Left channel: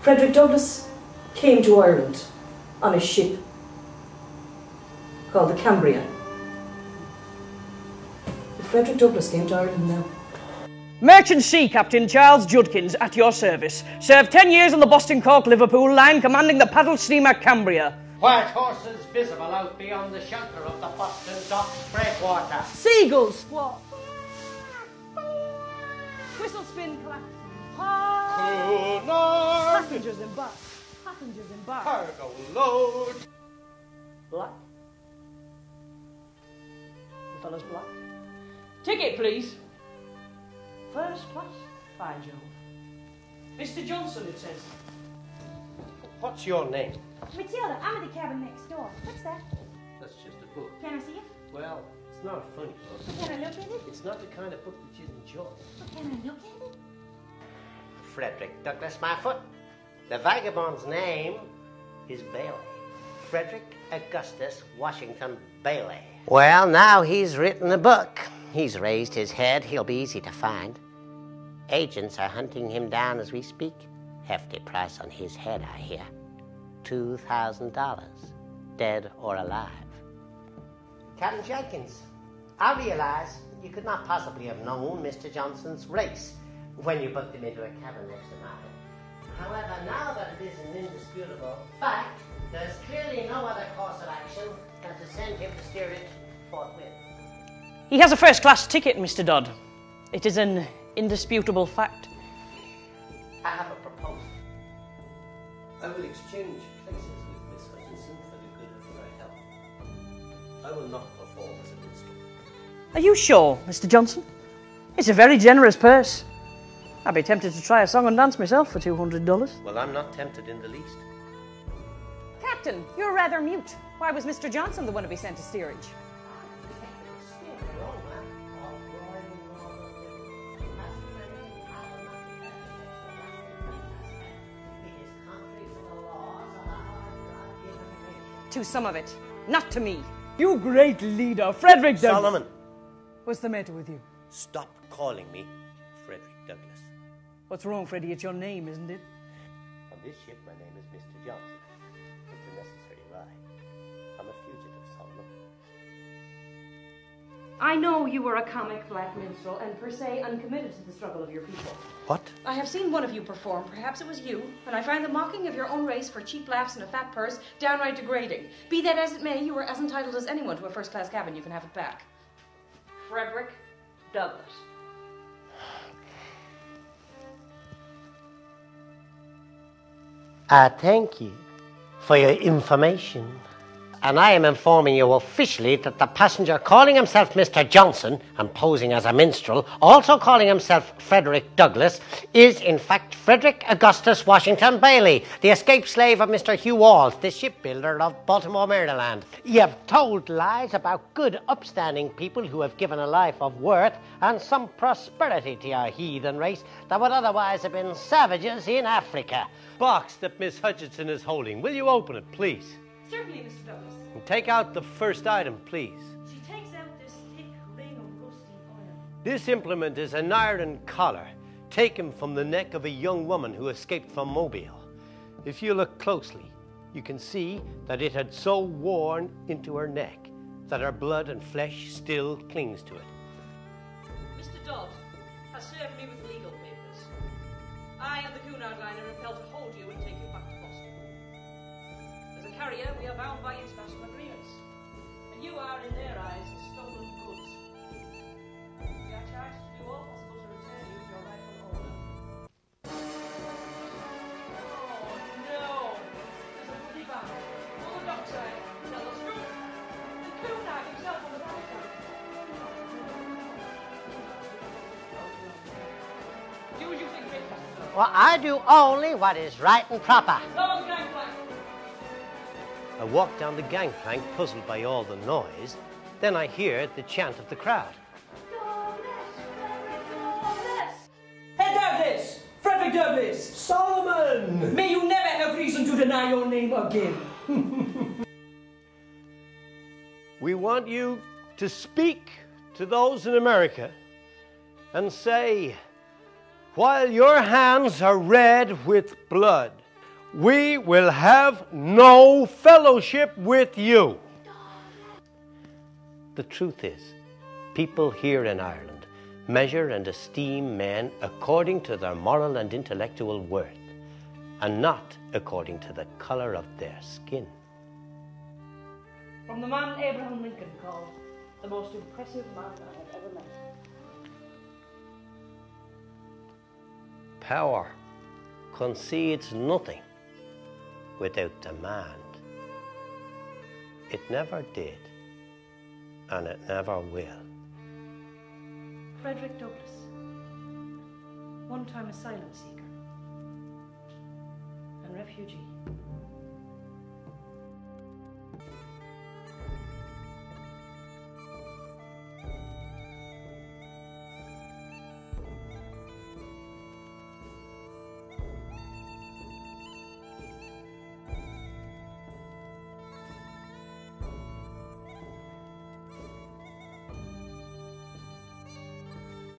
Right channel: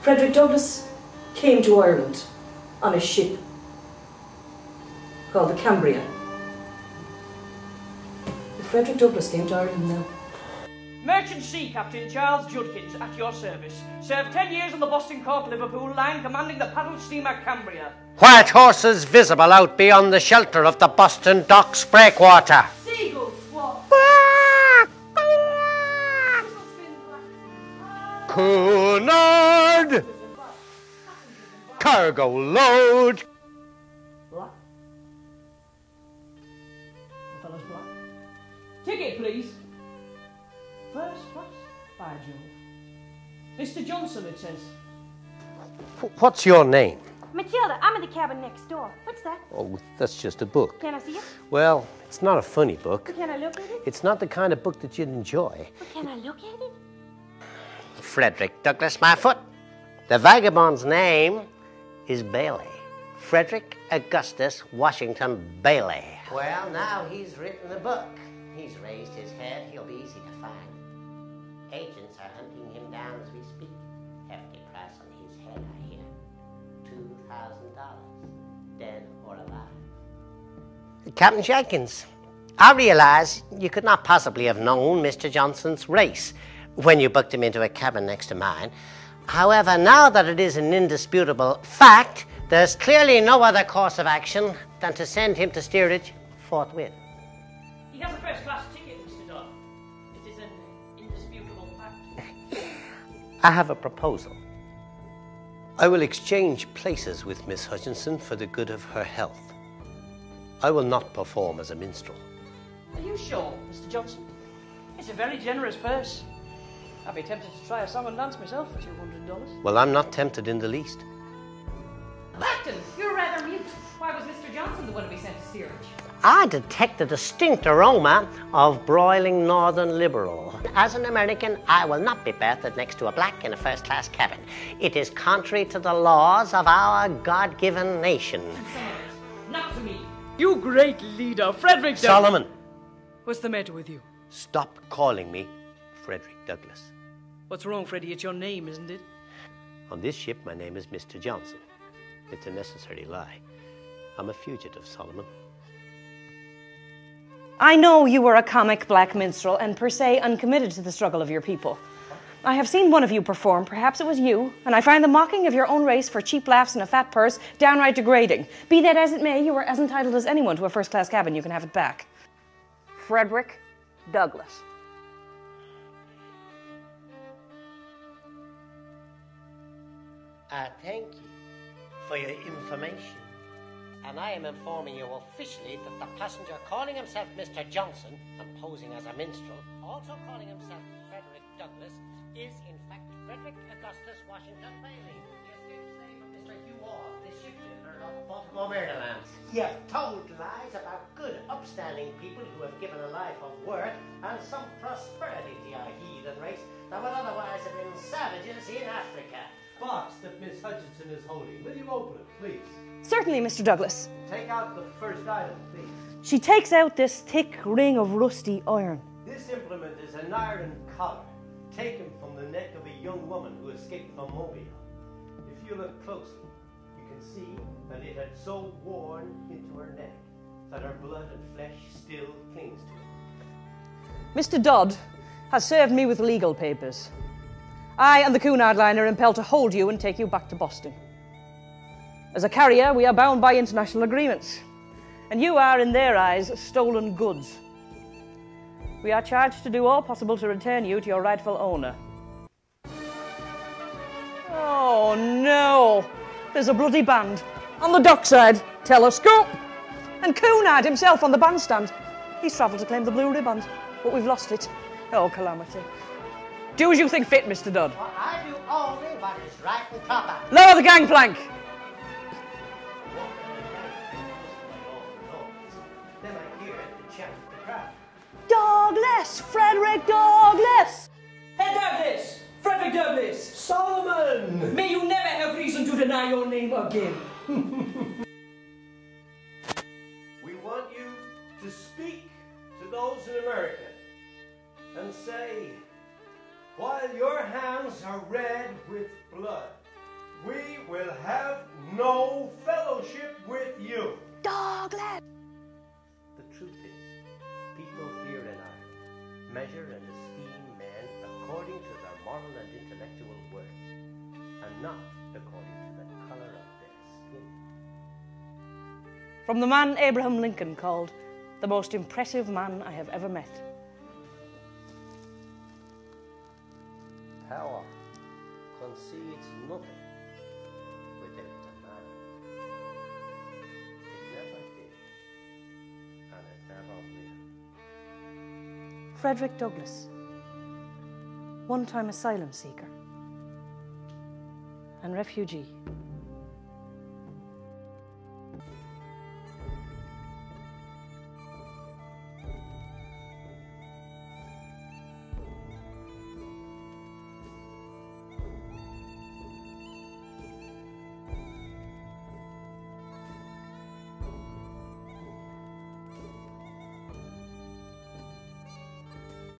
Frederick Douglass came to Ireland on a ship called the Cambria. Frederick Douglass came to Ireland now. Merchant Sea Captain Charles Judkins at your service. Served 10 years on the Boston-Cork-Liverpool line, commanding the paddle steamer Cambria. White horses visible out beyond the shelter of the Boston Docks breakwater. Seagulls squawk. Whistle spin clack. Cunard! Passengers in back. Cargo load. Black. The fellow's black. Ticket, please. First class, by Jove. Mr. Johnson, it says. What's your name? Matilda, I'm in the cabin next door. What's that? Oh, that's just a book. Can I see it? Well, it's not a funny book. But can I look at it? It's not the kind of book that you'd enjoy. But can I look at it? Frederick Douglass, my foot. The vagabond's name is Bailey. Frederick Augustus Washington Bailey. Well, now he's written a book. He's raised his head. He'll be easy to find. Agents are hunting him down as we speak. Hefty price on his head, I hear. $2,000, dead or alive. Captain Jenkins, I realize you could not possibly have known Mr. Johnson's race when you booked him into a cabin next to mine. However, now that it is an indisputable fact, there's clearly no other course of action than to send him to steerage forthwith. He has a first-class ticket, Mr. Dodd. It is an indisputable fact. I have a proposal. I will exchange places with Miss Hutchinson for the good of her health. I will not perform as a minstrel. Are you sure, Mr. Johnson? It's a very generous purse. I'd be tempted to try a song and dance myself for $200. Well, I'm not tempted in the least. Captain, you're rather mute. Why was Mr. Johnson the one to be sent to steerage? I detect a distinct aroma of broiling northern liberal. As an American, I will not be berthed next to a black in a first-class cabin. It is contrary to the laws of our God-given nation. To some of it, not to me. You great leader, Frederick Douglass. Solomon! What's the matter with you? Stop calling me Frederick Douglass. What's wrong, Freddie? It's your name, isn't it? On this ship, my name is Mr. Johnson. It's a necessary lie. I'm a fugitive, Solomon. I know you were a comic black minstrel and per se uncommitted to the struggle of your people. What? I have seen one of you perform, perhaps it was you, and I find the mocking of your own race for cheap laughs and a fat purse downright degrading. Be that as it may, you are as entitled as anyone to a first-class cabin. You can have it back. Frederick Douglass. I thank you for your information. And I am informing you officially that the passenger calling himself Mr. Johnson and posing as a minstrel, also calling himself Frederick Douglass, is in fact Frederick Augustus Washington Bailey, the escaped slave of Mr. Hugh Walls, the shipbuilder of Baltimore, Maryland. You have told lies about good, upstanding people who have given a life of worth and some prosperity to your heathen race that would otherwise have been savages in Africa. Box that Miss Hutchinson is holding. Will you open it, please? Certainly, Mr. Douglass. Take out the first item, please. She takes out this thick ring of rusty iron. This implement is an iron collar taken from the neck of a young woman who escaped from Mobile. If you look closely, you can see that it had so worn into her neck that her blood and flesh still clings to it. Mr. Dodd has served me with legal papers. I and the Cunard line are impelled to hold you and take you back to Boston. As a carrier, we are bound by international agreements, and you are, in their eyes, stolen goods. We are charged to do all possible to return you to your rightful owner. Oh, no! There's a bloody band. On the dockside, telescope, and Cunard himself on the bandstand. He's travelled to claim the blue ribbons, but we've lost it. Oh, calamity. Do as you think fit, Mr. Dodd. Well, I do only what is right and proper. Lower the gangplank! I walk down the gangplank, puzzled by all the noise. Then I hear the chant of the crowd. Douglass! Frederick Douglass! Hey, Douglass! Frederick Douglass! Solomon! May you never have reason to deny your name again. We want you to speak to those in America and say, while your hands are red with blood, We will have no fellowship with you. Douglas! The truth is, people here in Ireland measure and esteem men according to their moral and intellectual worth, and not according to the color of their skin. From the man Abraham Lincoln called the most impressive man I have ever met. Power concedes nothing without demand. It never did, and it never will. Frederick Douglass, one-time asylum seeker and refugee.